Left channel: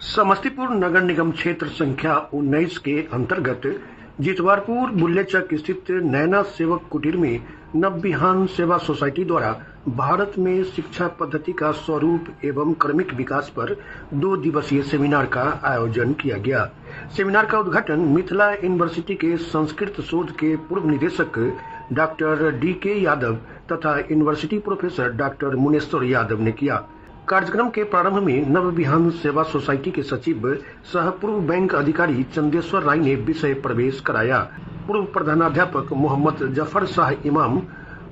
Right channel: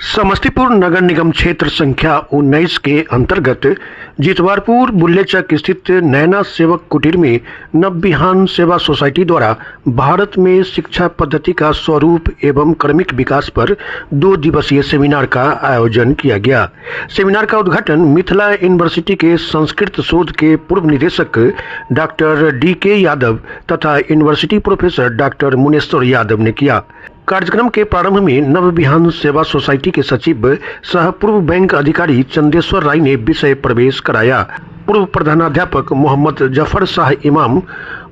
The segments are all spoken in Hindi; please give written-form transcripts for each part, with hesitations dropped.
समस्तीपुर नगर निगम क्षेत्र संख्या 19 के अंतर्गत जितवारपुर बुल्लेचक स्थित नैना सेवक कुटीर में नवबिहान सेवा सोसाइटी द्वारा भारत में शिक्षा पद्धति का स्वरूप एवं क्रमिक विकास पर 2 दिवसीय सेमिनार का आयोजन किया गया। सेमिनार का उद्घाटन मिथिला यूनिवर्सिटी के संस्कृत शोध के पूर्व निदेशक डॉक्टर DK यादव तथा university professor doctor Muneshwar Yadav ने किया। कार्यक्रम के प्रारंभ में नवबिहान सेवा सोसाइटी के सचिव सह पूर्व बैंक अधिकारी चंदेश्वर राय ने विषय प्रवेश कराया। पूर्व प्रधानाध्यापक मोहम्मद जफर शाह इमाम,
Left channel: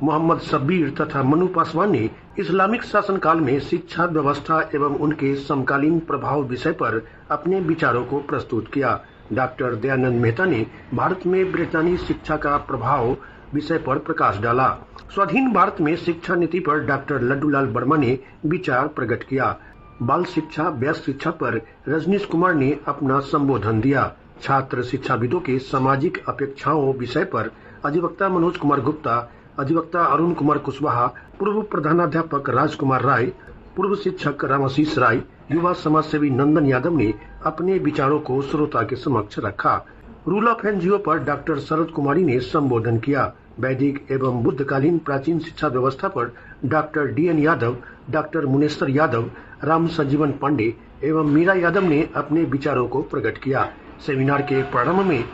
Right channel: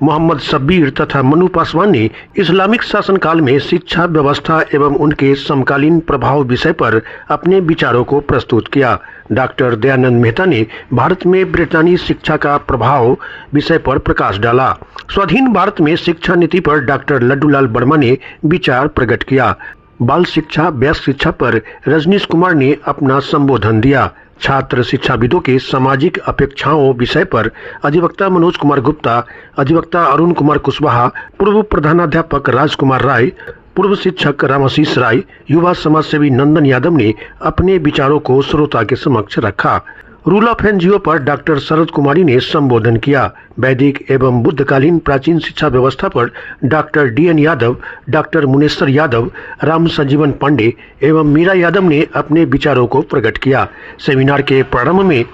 मोहम्मद शब्बीर तथा मनु पासवान ने इस्लामिक शासनकाल में शिक्षा व्यवस्था एवं उनके समकालीन प्रभाव विषय पर अपने विचारों को प्रस्तुत किया। डॉक्टर दयानंद मेहता ने भारत में ब्रिटानी शिक्षा का प्रभाव विषय पर प्रकाश डाला। स्वाधीन भारत में शिक्षा नीति पर डॉक्टर लड्डूलाल वर्मा ने विचार प्रकट किया। बाल शिक्षा वयस्क शिक्षा पर रजनीश कुमार ने अपना संबोधन दिया। छात्र शिक्षाविदों के सामाजिक अपेक्षाओं विषय पर अधिवक्ता मनोज कुमार गुप्ता, अधिवक्ता अरुण कुमार कुशवाहा, पूर्व प्रधानाध्यापक राजकुमार राय, पूर्व शिक्षक रामाशीष राय, युवा समाजसेवी नंदन यादव ने अपने विचारों को श्रोता के समक्ष रखा। रूल ऑफ एनजीओ पर डॉक्टर शरद कुमारी ने संबोधन किया। वैदिक एवं बुद्धकालीन प्राचीन शिक्षा व्यवस्था पर doctor DN Yadav, doctor Muneshwar Yadav, Ram Sanjivan Pandey एवं मीरा यादव ने अपने विचारों को प्रकट किया। सेमिनार के प्रारंभ में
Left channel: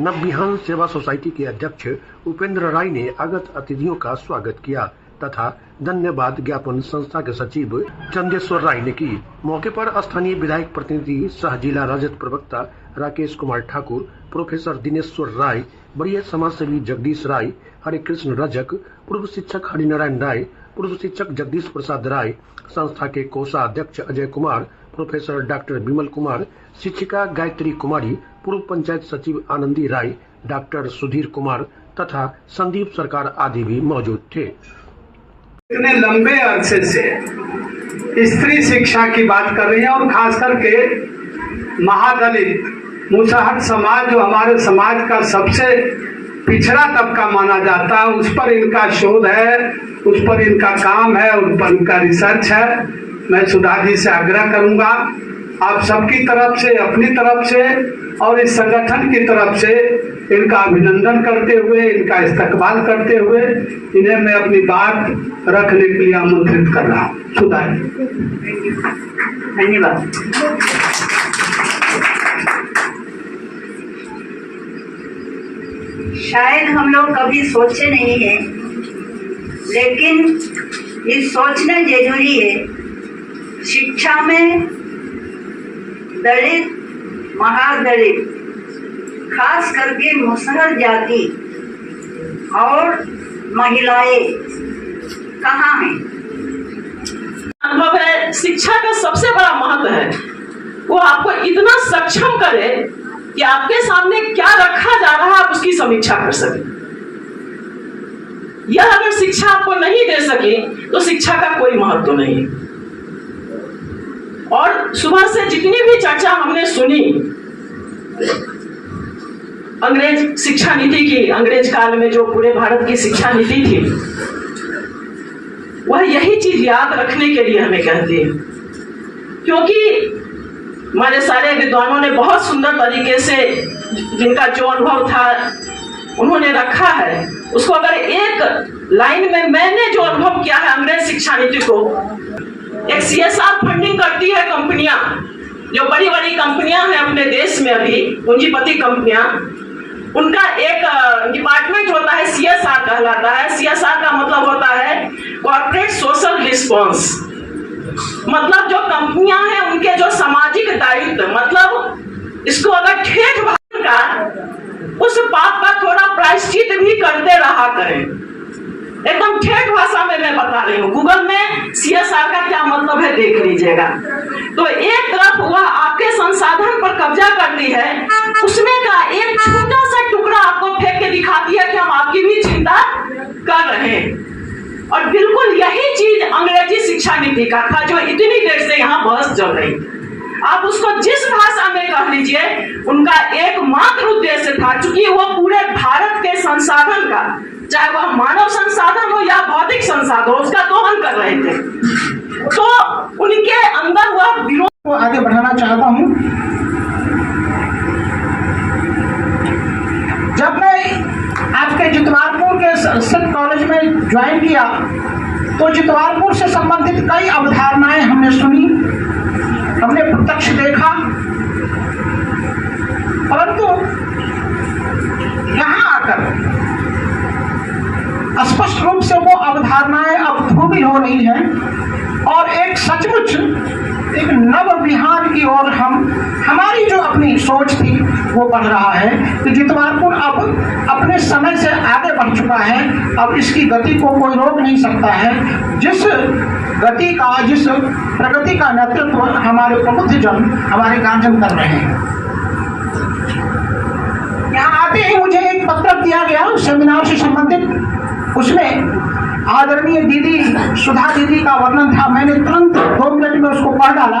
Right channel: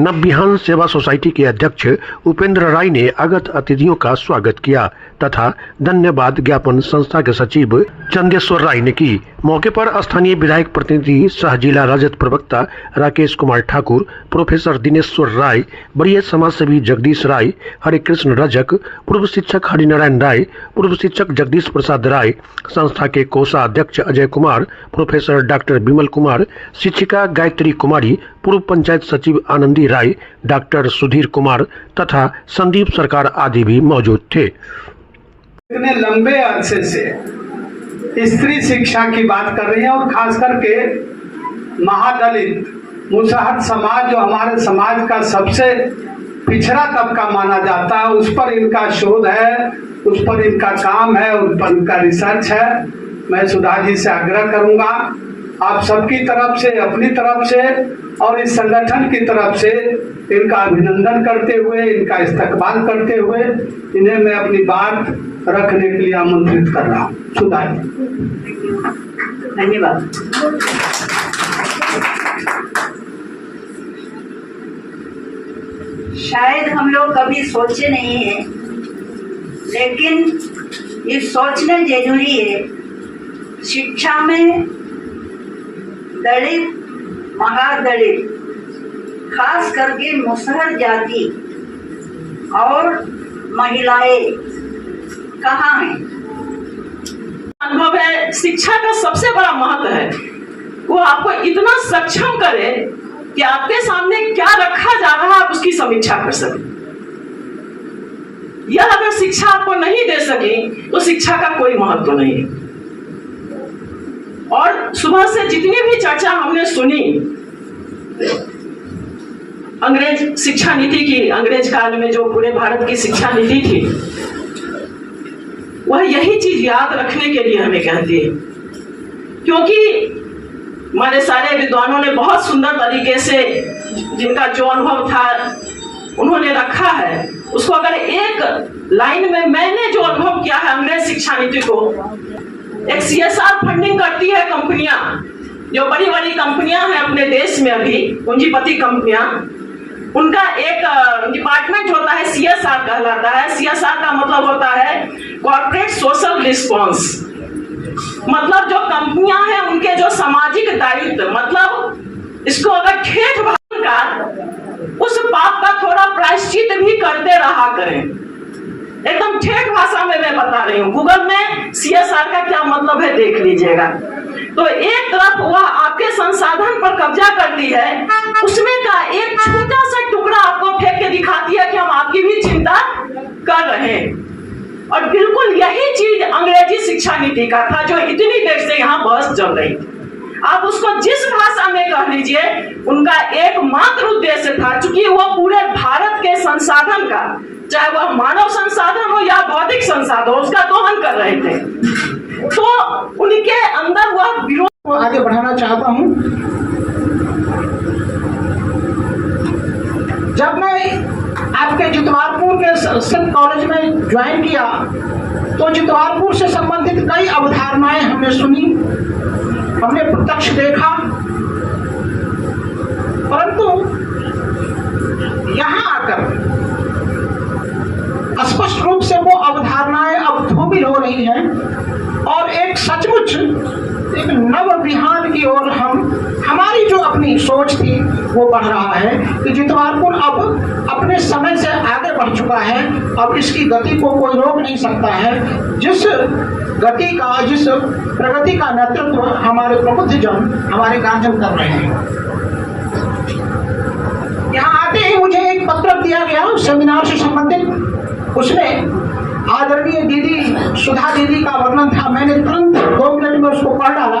नवबिहान सेवा सोसाइटी के अध्यक्ष उपेंद्र राय ने आगत अतिथियों का स्वागत किया तथा धन्यवाद ज्ञापन संस्था के सचिव चंदेश्वर राय ने की। मौके पर स्थानीय विधायक प्रतिनिधि सह जिला राजद प्रवक्ता राकेश कुमार ठाकुर, प्रोफेसर दिनेश्वर राय, वरीय समाजसेवी जगदीश राय, हरे कृष्ण रजक, पूर्व शिक्षक हरिनारायण राय, पूर्व शिक्षक जगदीश प्रसाद राय, संस्था के कोषाध्यक्ष अजय कुमार, प्रोफेसर डॉक्टर विमल कुमार, शिक्षिका गायत्री कुमारी, पूर्व पंचायत सचिव आनंदी राय, डॉक्टर सुधीर कुमार तथा संदीप सरकार आदि भी मौजूद थे। इतने लंबे अरसे से स्त्री शिक्षा की बात कर रही है और खास करके महादलित मुसहर समाज जो हमारे समाज का सबसे पिछड़ा तबका माना जाता है, उस पर इनका शोध है, उस पर इनका काम है, उस पर इनका रिसर्च है। मैं सुधा जी से आग्रह करूंगा आप सबकी तरफ से, अपनी तरफ से और इस संगठन की तरफ से इनका अभिनंदन करते हुए, इनका इस्तकबाल करते हुए इन्हें मैं अपनी बात रखने के लिए आमंत्रित कर रहा हूँ। सुधा जी, धन्यवाद। शायद हम लोग कभी सोचे नहीं है, लेकिन ये सोचना जरूरी है। शिक्षा में दलित, महादलित, खास करके मुसहर जाति और महिलाएं कहाँ हैं? अनुभव है, शिक्षा का सबसे बड़ा महत्व है वो आपको इतना सक्षम करे कि आपके सामने क्या रखा जा रहा है आप उसकी समीक्षा कर सके। यह अगर शिक्षा आपको नहीं दे सके तो शिक्षा का कोई महत्व नहीं। और सुबह से जितनी भी चर्चा हमने सुनी अंग्रेज शिक्षा नीति की, अंग्रेज काल में जो पूरे भारत की शिक्षा नीति थी, वह यही चीज याद रखने के लिए हमें कहती है। क्योंकि हमारे सारे विद्वानों ने बहुत सुंदर तरीके से जिनका जो अनुभव था उन्होंने रखा है, उसको अगर एक लाइन में मैंने जो अनुभव किया है अंग्रेज शिक्षा नीति को, एक CSR फंडिंग करती है कंपनियां, जो बड़ी बड़ी कंपनियां हैं अपने देश में अभी पूंजीपति कंपनियां, उनका एक डिपार्टमेंट होता है CSR कहलाता है। CSR का मतलब होता है कॉर्पोरेट सोशल रिस्पॉन्स। मतलब जो कंपनियां हैं उनके जो सामाजिक दायित्व, मतलब इसको अगर ठेठ भाषा का उस पाप का थोड़ा प्रायश्चित भी करते रहा करें। एकदम ठेठ भाषा में मैं बता रही हूँ, गूगल में CSR का क्या मतलब है देख लीजिएगा। तो एक तरफ वह आपके संसाधन पर कब्जा कर ली है, उसमें का एक छोटा सा टुकड़ा आपको फेंक के दिखाती है कि हम आपकी भी चिंता कर रहे हैं। और बिल्कुल यही चीज अंग्रेजी शिक्षा नीति का था जो इतनी देर से यहाँ बहस चल रही थी। आप उसको जिस भाषा में कह लीजिए, उनका एकमात्र उद्देश्य था, चूंकि वो पूरे भारत के संसाधन का, चाहे वह मानव संसाधन हो या भौतिक संसाधन हो, उसका दोहन कर रहे थे। तो उनके अंदर वह विरोध को आगे बढ़ाना चाहता हूं। जब मैं आपके जितवारपुर के संस्कृत कॉलेज में ज्वाइन किया तो जितवारपुर से संबंधित कई अवधारणाएं हमने सुनी, हमने प्रत्यक्ष देखा, परंतु यहां आकर स्पष्ट रूप से वो अवधारणाएं अब धूमिल हो रही हैं और एक सचमुच एक नव विहान की ओर हमारी जो अपनी सोच थी वो बढ़ रहा है कि जितवारपुर अब अपने समय से आगे बढ़ चुका है। अब इसकी गति को कोई रोक नहीं सकता है। जिस प्रगति का नेतृत्व हमारे प्रबुद्धजन, हमारे गार्जियन कर रहे हैं। यहाँ आते ही मुझे एक पत्र दिया गया सेमिनार से संबंधित, उसमें आदरणीय दीदी सुधा दीदी का वर्णन था। मैंने तुरंत 2 मिनट में उसको पढ़ डाला।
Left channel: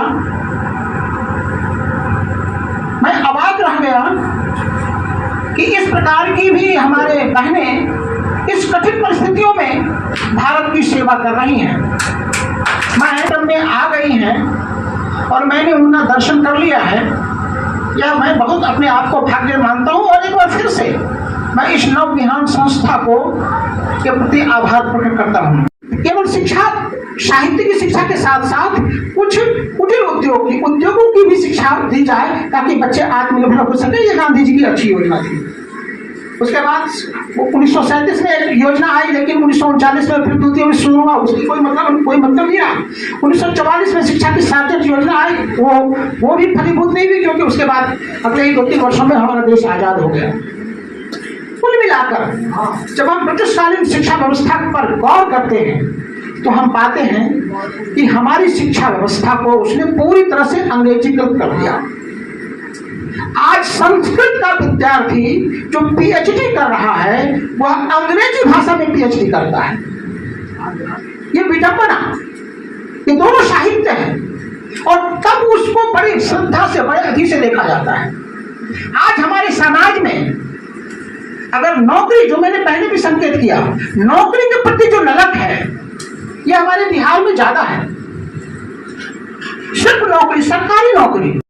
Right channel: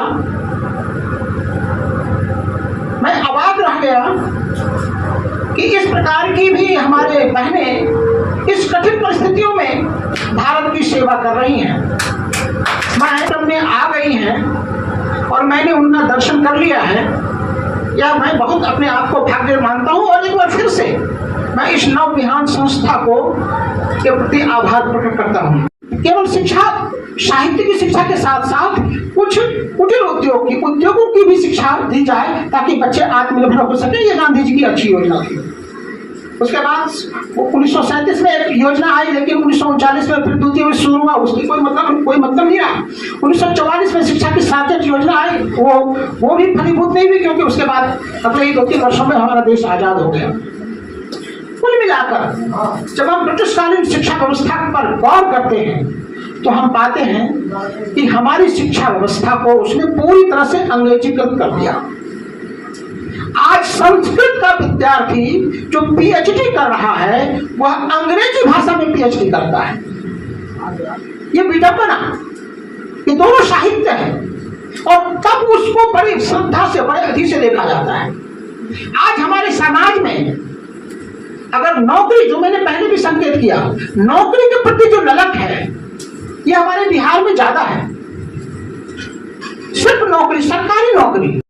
मैं अवाक रह गया कि इस प्रकार की भी हमारे बहनें इस कठिन परिस्थितियों में भारत की सेवा कर रही हैं, महत्व में आ गई हैं और मैंने उनका दर्शन कर लिया है। यह मैं बहुत अपने आप को भाग्य मानता हूँ और एक बार फिर से मैं इस नव विहान संस्था को के प्रति आभार प्रकट करता हूँ। केवल शिक्षा, साहित्य की शिक्षा के साथ साथ कुछ कुटीर उद्योगों की भी शिक्षा दी जाए ताकि बच्चे आत्मनिर्भर हो सके। ये गांधी जी की अच्छी योजना थी। उसके बाद वो 1937 में एक योजना आई, लेकिन 1939 में फिर द्वितीय विश्व शुरू हुआ, उसकी कोई मतलब नहीं आया। 1944 में शिक्षा की साकेत योजना आई, वो भी फलीभूत नहीं हुई, क्योंकि उसके बाद अगले ही 2-3 वर्षों में हमारा देश आजाद हो गया। कुल मिलाकर जब हम ब्रिटिशकालीन शिक्षा व्यवस्था पर गौर करते हैं तो हम पाते हैं कि हमारी शिक्षा व्यवस्था को उसने पूरी तरह से अंग्रेजीकृत कर दिया। आज संस्कृत का विद्यार्थी जो पीएचडी कर रहा है वह अंग्रेजी भाषा में पीएचडी करता है। ये विडंबना, ये दोनों साहित्य है और तब उसको बड़ी श्रद्धा से, बड़े अधि से देखा जाता है। आज हमारे समाज में अगर नौकरी, जो मैंने पहले भी संकेत किया, नौकरी के प्रति जो ललक है ये हमारे बिहार में ज्यादा है। सिर्फ नौकरी, सरकारी नौकरी,